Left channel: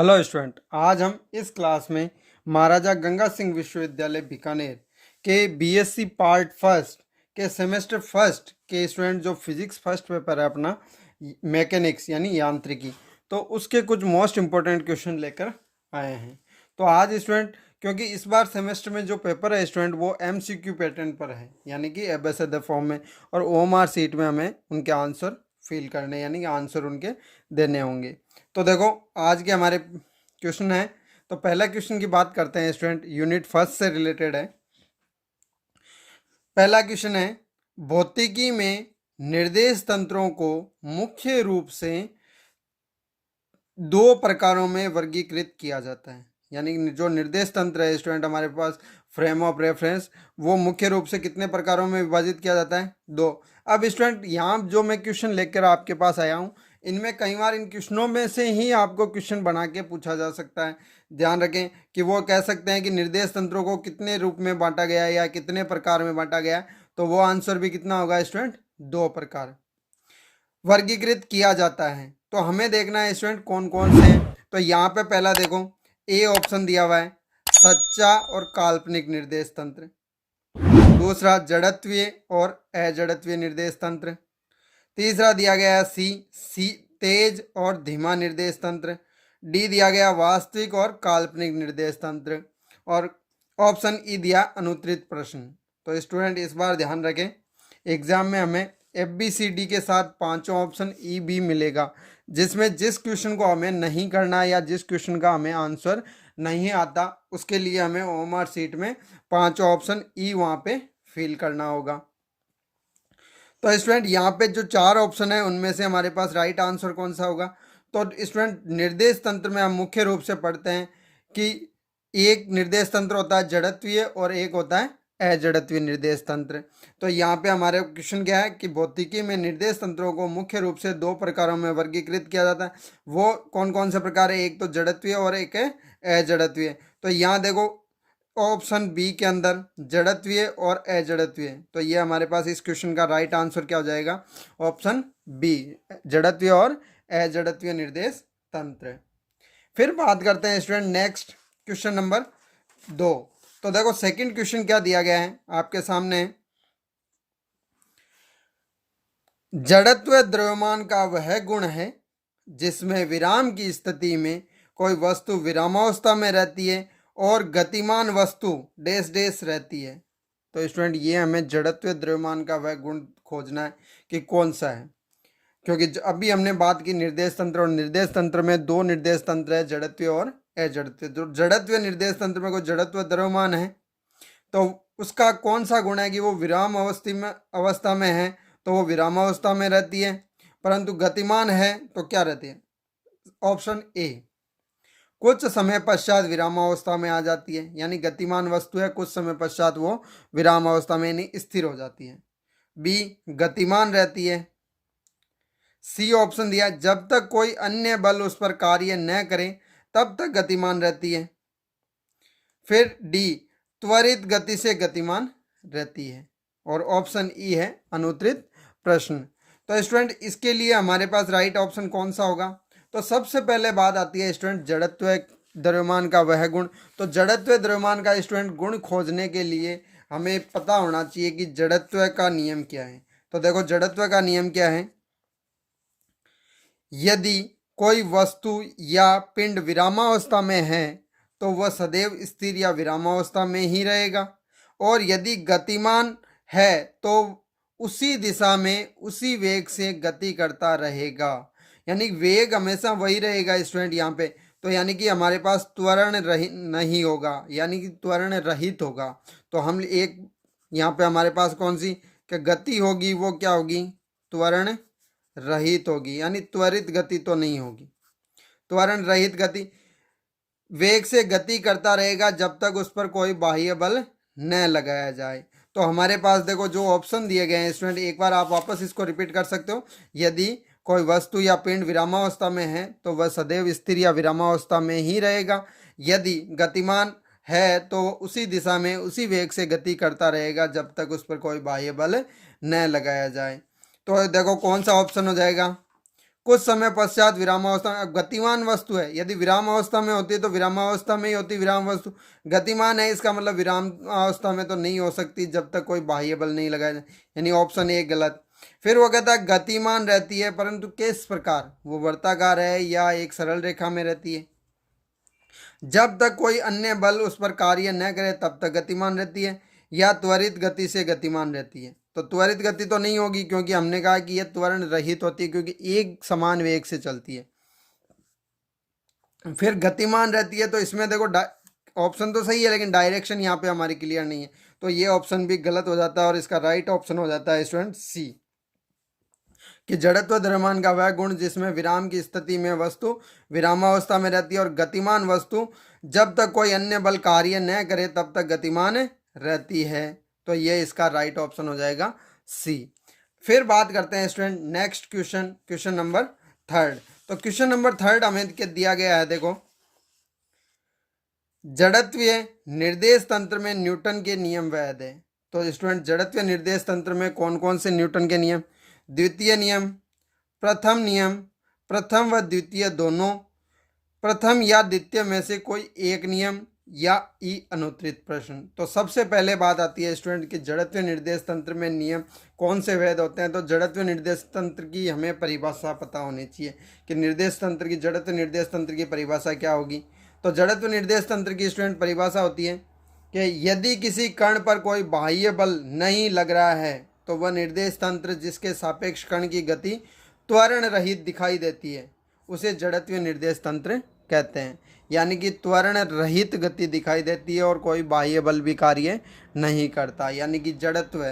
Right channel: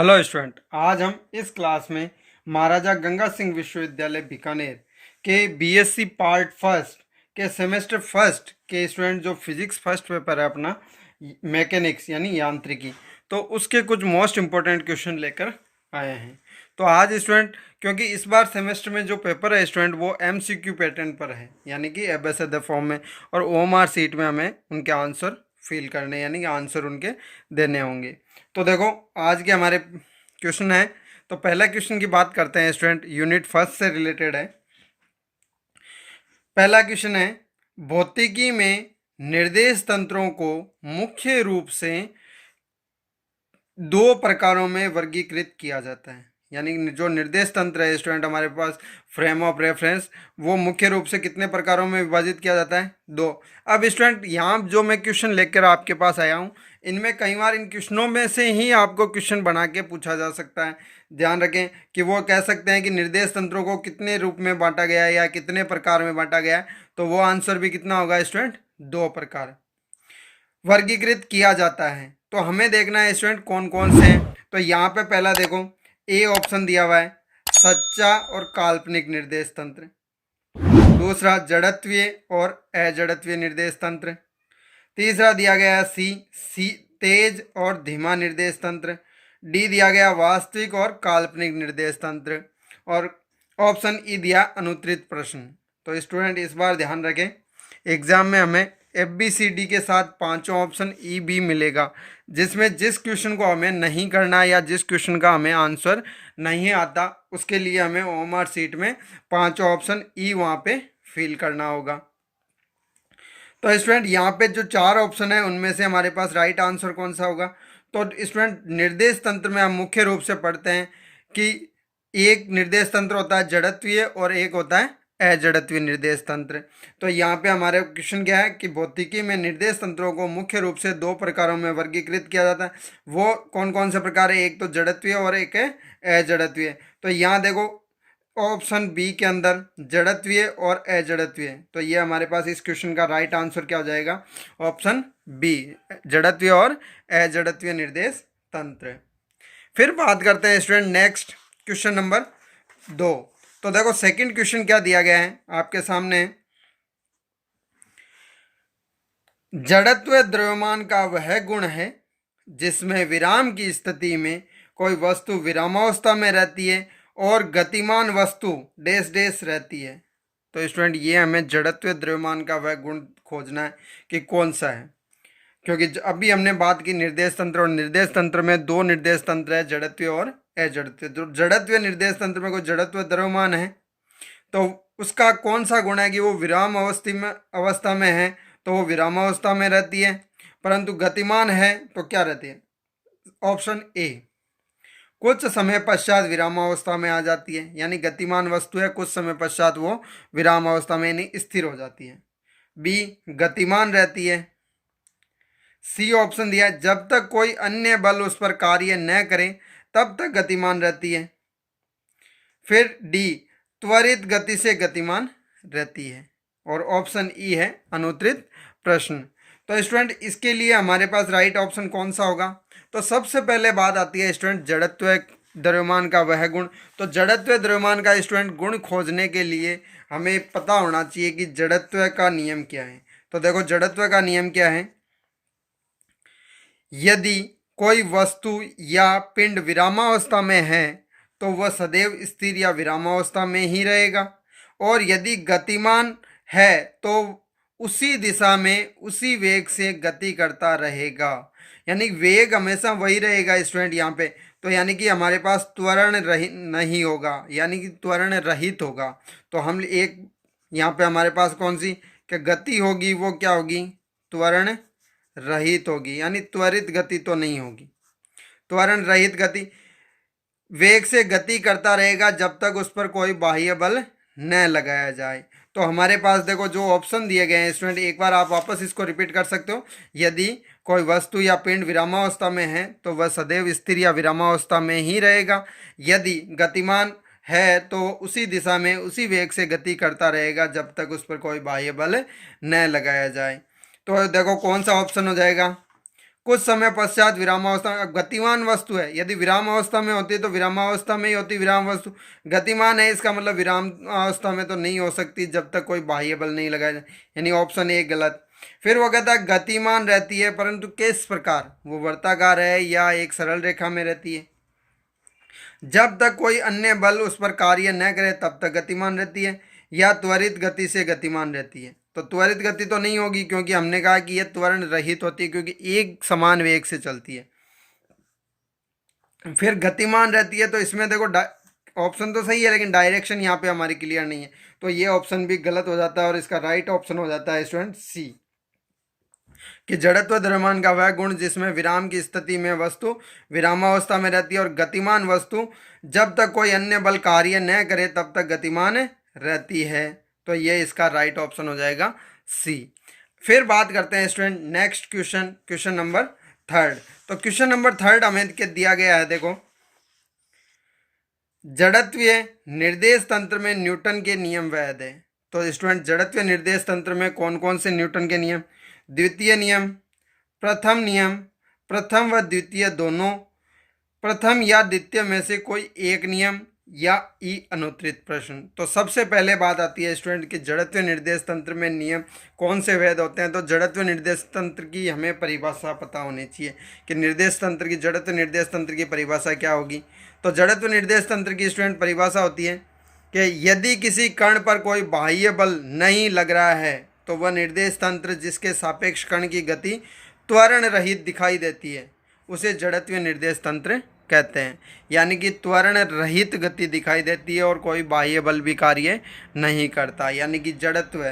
Hello student, आज हम इस क्लास में महाराजा गंगा सिंह विश्वविद्यालय बीकानेर के बीएससी पार्ट फर्स्ट के सेमेस्टर फर्स्ट के स्टूडेंट जो फिजिक्स फर्स्ट पेपर है अपना मैकेनिक्स यानी यांत्रिकी, तो उसके कुछ मोस्ट इम्पोर्टेंट क्वेश्चन लेकर आए हैं। तो आज स्टूडेंट, क्योंकि इस बार सेमेस्टर में जो पेपर है स्टूडेंट वो एमसीक्यू पैटर्न पर है, यानी कि एबेसेड फॉर्म में, और ओएमआर सीट में हमें उनके आंसर फिल करने यानी कि आंसर उनके देने होंगे। तो देखो, आज के हमारे क्वेश्चन है। तो पहला क्वेश्चन की बात करते हैं स्टूडेंट, यूनिट फर्स्ट से रिलेटेड है। पहला क्वेश्चन है, भौतिकी में निर्देश तंत्रों को मुख्य रूप से दो प्रकारों में वर्गीकृत किया जाता है। यानी जो निर्देश तंत्र है स्टूडेंट हमारे पास, फ्रेम ऑफ रेफरेंस, वो मुख्य रूप से कितने प्रकारों में विभाजित किया जाता है? दो। अब स्टूडेंट यहाँ जो मैं क्वेश्चन लेकर आपके पास आया हूँ, इनमें कई बार इन क्वेश्चनों में से ही आपको क्वेश्चन बना के पूछा जा सकता है। ध्यान रखें कि वो कह सकते हैं कि निर्देश तंत्रों को कितने रूप में बांटा गया है या कितने प्रकार में बांटा गया है, तो वो आंसर भी कितना होगा स्टूडेंट? दो प्रकार वर्गीकृत किया जाता है। तो हमें देखना है स्टूडेंट कौन कौन से हैं। तो यहाँ पे पहला देखो, ए ऑप्शन दिया हुआ है सच्चा और काल्पनिक निर्देश तंत्र। दूसरा जड़त्वीय और अजड़त्वीय निर्देश तंत्र। तीसरा दिया गया है सी तेज और धीमा निर्देश तंत्र। डी दिया गया वास्तविक और काल्पनिक निर्देश तंत्र। और ऑप्शन ई दिया अनुत्तरित प्रश्न। तो स्टूडेंट इस बार ध्यान रखें, एग्जाम में हमें एफ बी सी डी के साथ पांचों ऑप्शन ई बी मिलेगा, जिसमें जिस क्वेश्चन को हमें नहीं करना या जिस क्वेश्चन का हमें आंसर नहीं आता, उसके लिए हमें ओएमआर सीट में पांचों ऑप्शन ई वहाँ पे फिल करना होगा। तो स्टूडेंट यहाँ पे जो चार ऑप्शन है उनमें से हमारे पास राइट आंसर कौन सा होगा? तो स्टूडेंट निर्देश तंत्र में हम मुख्य रूप से पढ़ते हैं कि एक निर्देश तंत्र होता है जड़त्वीय और एक होता है अजड़त्वीय निर्देश तंत्र। तो यहाँ पे हमारे क्वेश्चन क्या है कि भौतिकी में निर्देश तंत्रों को मुख्य रूप से दो प्रकारों में वर्गीकृत किया जाता है। वो कौन कौन से प्रकार है? एक तो जड़त्वीय और एक है अजड़त्वीय। तो यहाँ देखो ऑप्शन बी के अंदर जड़त्वीय और अजड़त्वीय, तो ये हमारे पास इस क्वेश्चन का राइट आंसर क्या हो जाएगा? ऑप्शन बी, जड़त्वीय और अजड़त्वीय निर्देश तंत्र। फिर बात करते हैं स्टूडेंट नेक्स्ट क्वेश्चन नंबर 2। तो देखो सेकंड क्वेश्चन क्या दिया गया है आपके सामने, जड़त्व द्रव्यमान का वह गुण है जिसमें विराम की स्थिति में कोई वस्तु विरामावस्था में रहती है और गतिमान वस्तु डैश डैश रहती है। तो स्टूडेंट ये हमें जड़त्व द्रव्यमान का वह गुण खोजना है कि कौन सा है, क्योंकि अभी हमने बात की निर्देश तंत्र, और निर्देश तंत्र में दो निर्देश तंत्र है, जड़त्वीय और अजड़त्वीय। तो जड़त्वीय निर्देश तंत्र में कोई जड़त्व द्रव्यमान है तो उसका कौन सा गुण है कि वो विराम अवस्था में है, तो वो विरामावस्था में रहती है, परंतु गतिमान है तो क्या रहती है? ऑप्शन ए, कुछ समय पश्चात विरामावस्था में आ जाती है, यानी गतिमान वस्तु है, कुछ समय पश्चात वो विरामावस्था में नहीं स्थिर हो जाती है। बी, गतिमान रहती है। सी ऑप्शन दिया है जब तक कोई अन्य बल उस पर कार्य न करे तब तक गतिमान रहती है। फिर डी, त्वरित गति से गतिमान रहती है। और ऑप्शन ई है अनुत्तरित प्रश्न। तो स्टूडेंट इसके लिए हमारे पास राइट ऑप्शन कौन सा होगा? तो सबसे पहले बात आती है स्टूडेंट जड़त्व द्रव्यमान का वह गुण। तो जड़त्व द्रव्यमान का स्टूडेंट गुण खोजने के लिए हमें पता होना चाहिए कि जड़त्व का नियम क्या है। तो देखो जड़त्व का नियम क्या है, यदि कोई वस्तु या पिंड विरामावस्था में है तो वह सदैव स्थिर या विरामावस्था में ही रहेगा, और यदि गतिमान है तो उसी दिशा में उसी वेग से गति करता रहेगा। यानी वेग हमेशा वही रहेगा स्टूडेंट यहाँ पे। तो यानी कि हमारे पास त्वरण रहित नहीं होगा, यानी कि त्वरण रहित होगा। तो हम एक यहाँ पे हमारे पास कौन सी कि गति होगी, वो क्या होगी? त्वरण रहित होगी, यानी त्वरित गति तो नहीं होगी। त्वरण रहित गति, वेग से गति करता रहेगा जब तक उस पर कोई बाह्य बल न लगाया जाए। तो हमारे पास देखो जो ऑप्शन दिए गए हैं स्टूडेंट, एक बार आप वापस इसको रिपीट कर सकते हो। यदि कोई वस्तु या पिंड विरामावस्था में है तो वह सदैव स्थिर या विरामावस्था में ही रहेगा। यदि गतिमान है तो उसी दिशा में उसी वेग से गति करता रहेगा जब तक उस पर कोई बाह्य बल न लगाया जाए। तो देखो कौन सा ऑप्शन हो जाएगा? कुछ समय पश्चात विरामावस्था में, गतिमान वस्तु है, यदि विरामावस्था में होती है तो विरामावस्था में ही होती विराम वस्तु। गतिमान है इसका मतलब विराम अवस्था में तो नहीं हो सकती जब तक कोई बाह्य बल नहीं लगाया जाए, यानी ऑप्शन ए गलत। फिर वो कहता है गतिमान रहती है परंतु किस प्रकार, वो वर्ताकार है या एक सरल रेखा में रहती है। जब तक कोई अन्य बल उस पर कार्य न करे तब तक गतिमान रहती है, या त्वरित गति से गतिमान रहती है। तो त्वरित गति तो नहीं होगी क्योंकि हमने कहा कि यह त्वरण रहित होती है क्योंकि एक समान वेग से चलती है। फिर गतिमान रहती है तो इसमें देखो ऑप्शन तो सही है लेकिन डायरेक्शन यहाँ पे हमारी क्लियर नहीं है, तो ये ऑप्शन भी गलत हो जाता है और इसका राइट ऑप्शन हो जाता है स्टूडेंट सी, कि जड़त्व द्रव्यमान का वह गुण जिसमें विराम की स्थिति में वस्तु विरामावस्था में रहती है और गतिमान वस्तु जब तक कोई अन्य बल कार्य न करे तब तक गतिमान रहती है। तो ये इसका राइट ऑप्शन हो जाएगा सी। फिर बात करते हैं student next question, question number third. तो क्वेश्चन नंबर थर्ड हमें दिया गया है, देखो जड़त्वीय निर्देश तंत्र में न्यूटन के नियम वैध है। तो स्टूडेंट जड़त्वीय निर्देश तंत्र में कौन कौन से न्यूटन के नियम, द्वितीय नियम, प्रथम नियम, प्रथम व द्वितीय दोनों, प्रथम या द्वितीय में से कोई एक नियम, या ई अनुत्तरित प्रश्न। तो सबसे पहले बात आती है स्टूडेंट कि जड़त्वीय निर्देश तंत्र में नियम कौन से वैध होते हैं। तो जड़त्वीय निर्देश तंत्र की हमें परिभाषा पता होनी चाहिए कि निर्देश तंत्र की, जड़त्वीय निर्देश तंत्र की परिभाषा क्या होगी। तो जड़त्व निर्देश तंत्र की स्टूडेंट परिभाषा होती है कि यदि किसी कण पर कोई बाह्य बल नहीं लग रहा है तो वह निर्देश तंत्र जिसके सापेक्ष कण की गति त्वरण रहित दिखाई देती है उसे जड़त्वीय निर्देश तंत्र कहते हैं, यानी कि त्वरण रहित गति दिखाई देती है और कोई बाह्य बल भी कार्य नहीं करता, यानी कि जड़त्व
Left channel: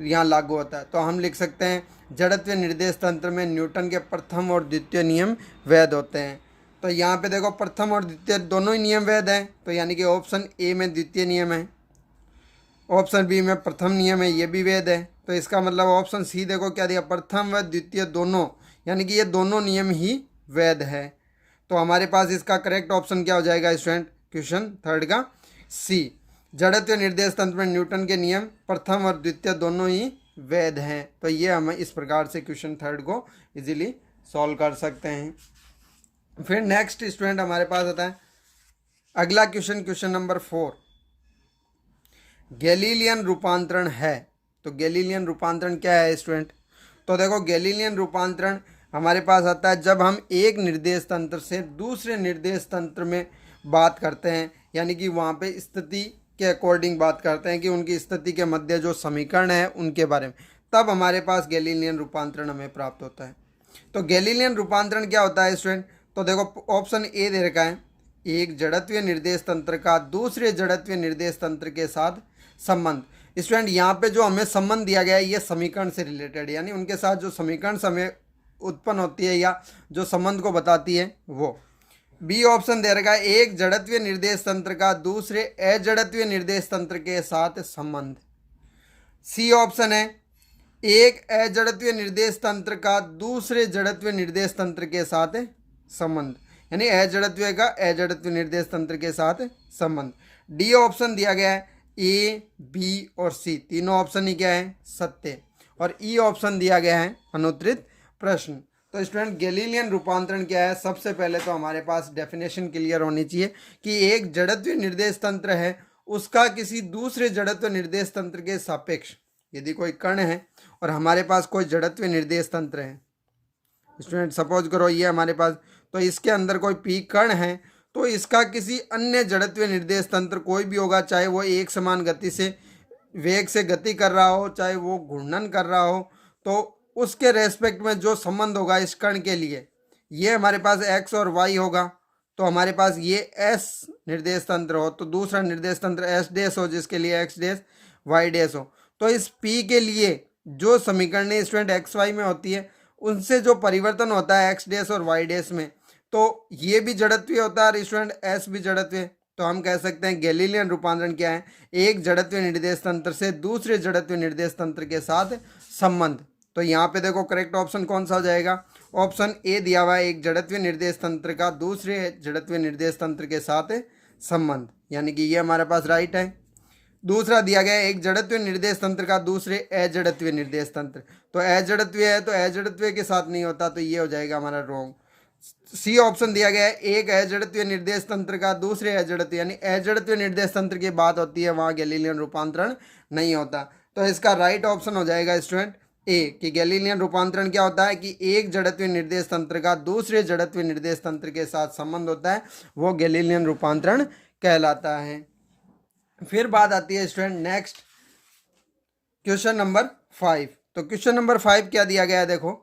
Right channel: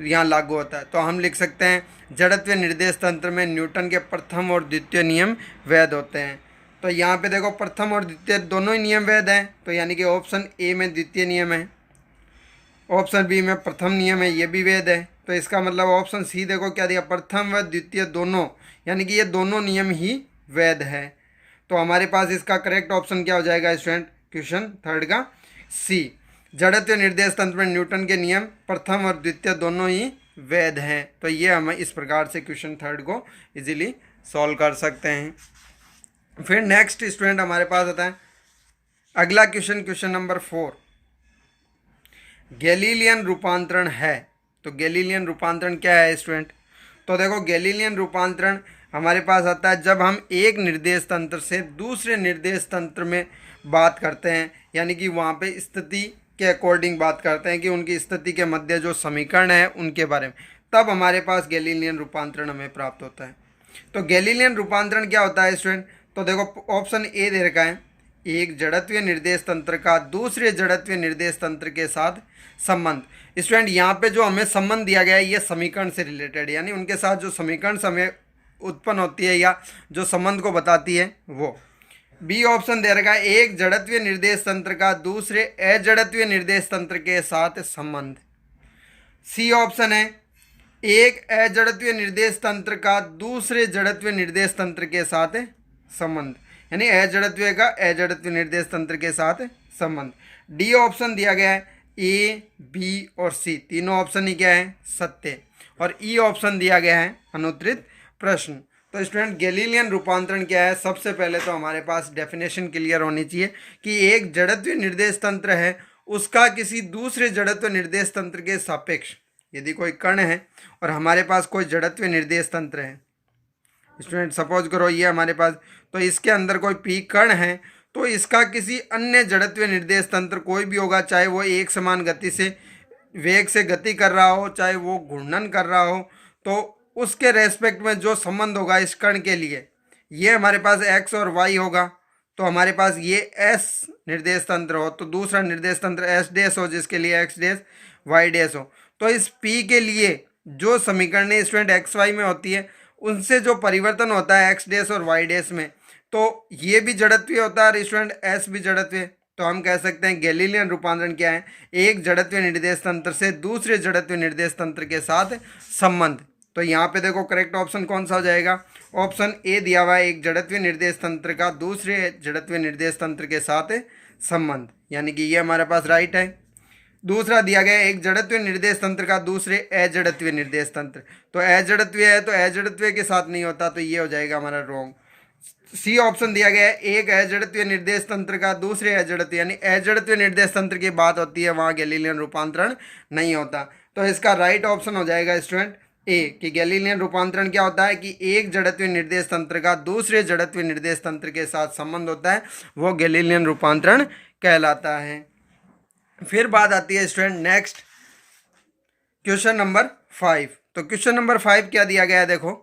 यहाँ लागू होता है। तो हम लिख सकते हैं जड़त्वीय निर्देश तंत्र में न्यूटन के प्रथम और द्वितीय नियम वैध होते हैं। तो यहाँ पे देखो प्रथम और द्वितीय दोनों ही नियम वैध हैं, तो यानी कि ऑप्शन ए में द्वितीय नियम है, ऑप्शन बी में प्रथम नियम है, ये भी वैध है। तो इसका मतलब ऑप्शन सी देखो क्या दिया, प्रथम व द्वितीय दोनों, यानी कि ये दोनों नियम ही वैध है। तो हमारे पास इसका करेक्ट ऑप्शन क्या हो जाएगा स्टूडेंट, क्वेश्चन थर्ड का सी। जड़त्वीय निर्देश तंत्र में न्यूटन के नियम प्रथम और द्वितीय दोनों ही वैध हैं। तो ये हम इस प्रकार से क्वेश्चन थर्ड को इजीली सॉल्व कर सकते हैं। फिर नेक्स्ट स्टूडेंट हमारे पास आता है अगला क्वेश्चन, क्वेश्चन नंबर 4, गैलीलियन रूपांतरण है। तो गैलीलियन रूपांतरण क्या है स्टूडेंट। तो देखो गैलीलियन रूपांतरण हमारे पास आता है जब हम एक निर्देश तंत्र से दूसरे निर्देश तंत्र में बात करते हैं, यानी कि वहाँ पे स्थिति के अकॉर्डिंग बात करते हैं कि उनकी स्थिति के मध्य जो समीकरण है उनके बारे में, तब हमारे पास गैलीलियन रूपांतरण हमें प्राप्त होता है। तो गैलीलियन रूपांतरण क्या होता है स्टूडेंट। तो देखो ऑप्शन ए दे रखा है, एक जड़त्वीय निर्देश तंत्र का दूसरे जड़त्वीय निर्देश तंत्र के साथ संबंध। स्टूडेंट यहाँ पे जो हमें संबंध दिया गया है ये समीकरण से रिलेटेड, यानी उनके साथ जो समीकरण हमें उत्पन्न होती है या जो संबंध को बताती है वो। बी ऑप्शन दे रखा है, एक जड़त्वीय निर्देश तंत्र का दूसरे अजड़त्वीय निर्देश तंत्र के साथ संबंध। सी ऑप्शन है, एक अजड़त्वीय निर्देश तंत्र का दूसरे जड़त्वीय निर्देश तंत्र के साथ संबंध, यानी अजड़त्वीय का अजड़त्वीय निर्देश तंत्र के साथ संबंध। डी ऑप्शन दिया गया है, ए बी और सी तीनों ऑप्शन ही क्या है, सत्य। और ई ऑप्शन दिया गया है अनुत्तरित प्रश्न। तो स्टूडेंट गैलीलियन रूपांतरण क्या है, सबसे पहले तो हमारे पास डेफिनेशन क्लियर होनी चाहिए कि एक जड़त्वीय निर्देश तंत्र है उसका किसी दूसरे जड़त्व निर्देश तंत्र के सापेक्ष, यदि कोई कण है और हमारे पास कोई जड़त्वीय निर्देश तंत्र है स्टूडेंट, सपोज करो ये हमारे पास, तो इसके अंदर कोई पी कण है तो इसका किसी अन्य जड़त्वीय निर्देश तंत्र कोई भी होगा, चाहे वो एक समान गति से वेग से गति कर रहा हो, चाहे वो घूर्णन कर रहा हो, तो उसके रेस्पेक्ट में जो संबंध होगा इस कण के लिए, ये हमारे पास एक्स और वाई होगा। तो हमारे पास ये एस निर्देश तंत्र हो तो दूसरा निर्देश तंत्र एस डैश हो जिसके लिए एक्स डैश वाई डैश हो। तो इस पी के लिए जो समीकरण स्टूडेंट एक्स वाई में होती है उनसे जो परिवर्तन होता है एक्स डैश और वाई डैश में, तो ये भी जड़त्वीय होता है स्टूडेंट एस भी जड़त्वीय। तो हम कह सकते हैं गैलीलियन रूपांतरण क्या है, एक जड़त्वीय निर्देश तंत्र से दूसरे जड़त्वीय निर्देश तंत्र के साथ संबंध। तो यहाँ पे देखो करेक्ट ऑप्शन कौन सा हो जाएगा, ऑप्शन ए दिया हुआ है, एक जड़त्वीय निर्देश तंत्र का दूसरे जड़त्वीय निर्देश तंत्र के साथ संबंध, यानी कि ये हमारे पास राइट है। दूसरा दिया गया है एक जड़त्वीय निर्देश तंत्र का दूसरे अजड़त्वीय निर्देश तंत्र। तो अजड़त्वीय है तो अजड़त्वीय के साथ नहीं होता, तो ये हो जाएगा हमारा रॉन्ग। सी ऑप्शन दिया गया है एक अजड़त्वीय निर्देश तंत्र का दूसरे अजड़त्वीय, यानी अजड़त्वीय निर्देश तंत्र की बात होती है वहां गैलीलियन रूपांतरण नहीं होता। तो इसका राइट ऑप्शन हो जाएगा स्टूडेंट ए, कि गैलीलियन रूपांतरण क्या होता है कि एक जड़त्वीय निर्देश तंत्र का दूसरे जड़त्वीय निर्देश तंत्र के साथ संबंध होता है, वो गैलीलियन रूपांतरण कहलाता है। फिर बात आती है स्टूडेंट नेक्स्ट क्वेश्चन नंबर 5। तो क्वेश्चन नंबर 5 क्या दिया गया है, देखो,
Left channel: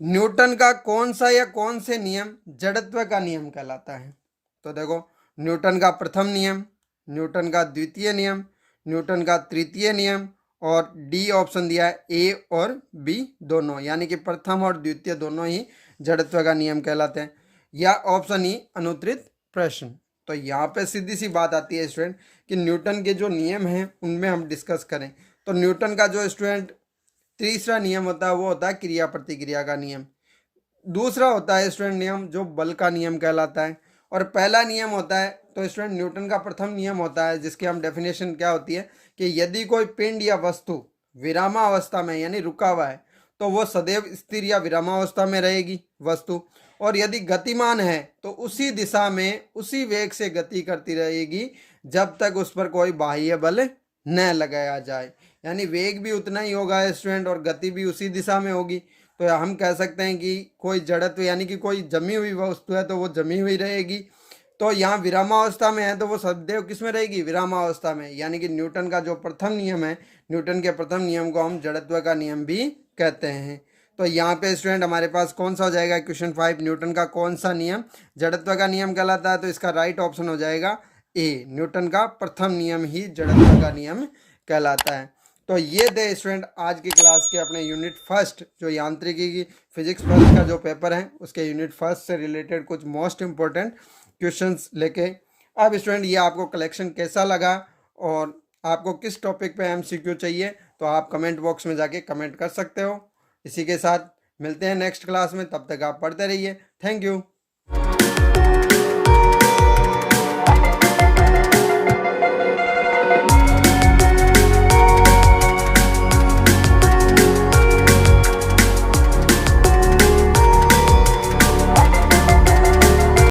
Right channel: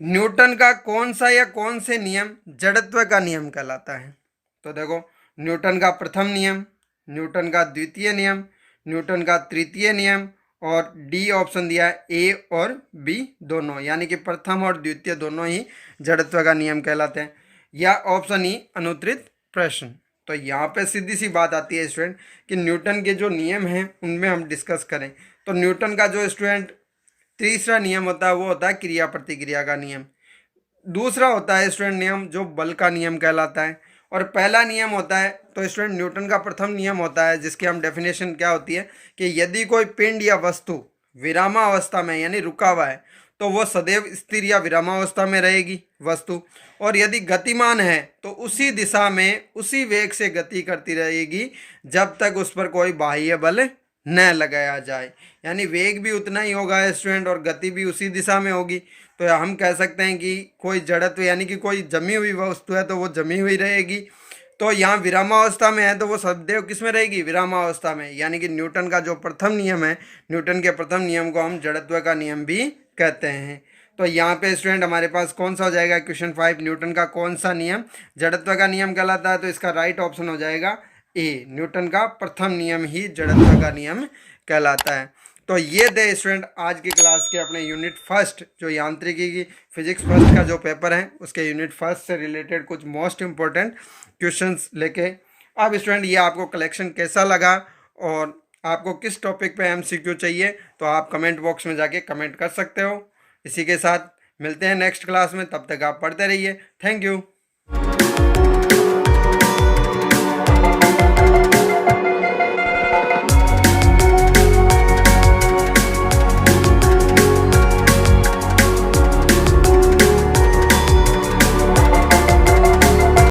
न्यूटन का कौन सा या कौन से नियम जड़त्व का नियम कहलाता है। तो देखो, न्यूटन का प्रथम नियम, न्यूटन का द्वितीय नियम, न्यूटन का तृतीय नियम, और डी ऑप्शन दिया है ए और बी दोनों, यानी कि प्रथम और द्वितीय दोनों ही जड़त्व का नियम कहलाते हैं, या ऑप्शन ई अनुत्तरित प्रश्न। तो यहाँ पे सीधी सी बात आती है स्टूडेंट कि न्यूटन के जो नियम हैं उनमें हम डिस्कस करें। तो न्यूटन का जो स्टूडेंट तीसरा नियम होता है वो होता है क्रिया प्रतिक्रिया का नियम। दूसरा होता है स्टूडेंट नियम जो बल का नियम कहलाता है। और पहला नियम होता है, तो स्टूडेंट न्यूटन का प्रथम नियम होता है जिसकी हम डेफिनेशन क्या होती है कि यदि कोई पिंड या वस्तु विरामावस्था में यानी रुका हुआ है तो वो सदैव स्थिर या विरामावस्था में रहेगी वस्तु, और यदि गतिमान है तो उसी दिशा में उसी वेग से गति करती रहेगी जब तक उस पर कोई बाह्य बल न लगाया जाए, यानी वेग भी उतना ही होगा स्टूडेंट और गति भी उसी दिशा में होगी। तो हम कह सकते हैं कि कोई जड़त्व यानी कि कोई जमी हुई वस्तु है तो वो जमी हुई रहेगी। तो यहाँ विरामावस्था में है तो वो सदैव किस में रहेगी, विरामावस्था में, यानी कि न्यूटन का जो प्रथम नियम है, न्यूटन के प्रथम नियम को हम जड़त्व का नियम भी कहते हैं। तो यहाँ पे स्टूडेंट हमारे पास कौन सा हो जाएगा क्वेश्चन 5, न्यूटन का कौन सा नियम जड़त्व का नियम कहलाता है। तो इसका राइट ऑप्शन हो जाएगा ए, न्यूटन का प्रथम नियम ही जड़त्व का नियम कहलाता है। तो ये थे स्टूडेंट आज की क्लास के अपने यूनिट फर्स्ट जो यांत्रिकी की फिजिक्स फर्स्ट का जो पेपर है उसके यूनिट फर्स्ट से रिलेटेड कुछ मोस्ट इम्पोर्टेंट क्वेश्चंस लेके। अब स्टूडेंट ये आपको कलेक्शन कैसा लगा और आपको किस टॉपिक पे एमसीक्यू चाहिए तो आप कमेंट बॉक्स में जाके कमेंट कर सकते हो। इसी के साथ मिलते हैं नेक्स्ट क्लास में, तब तक आप पढ़ते रहिए। Thank you.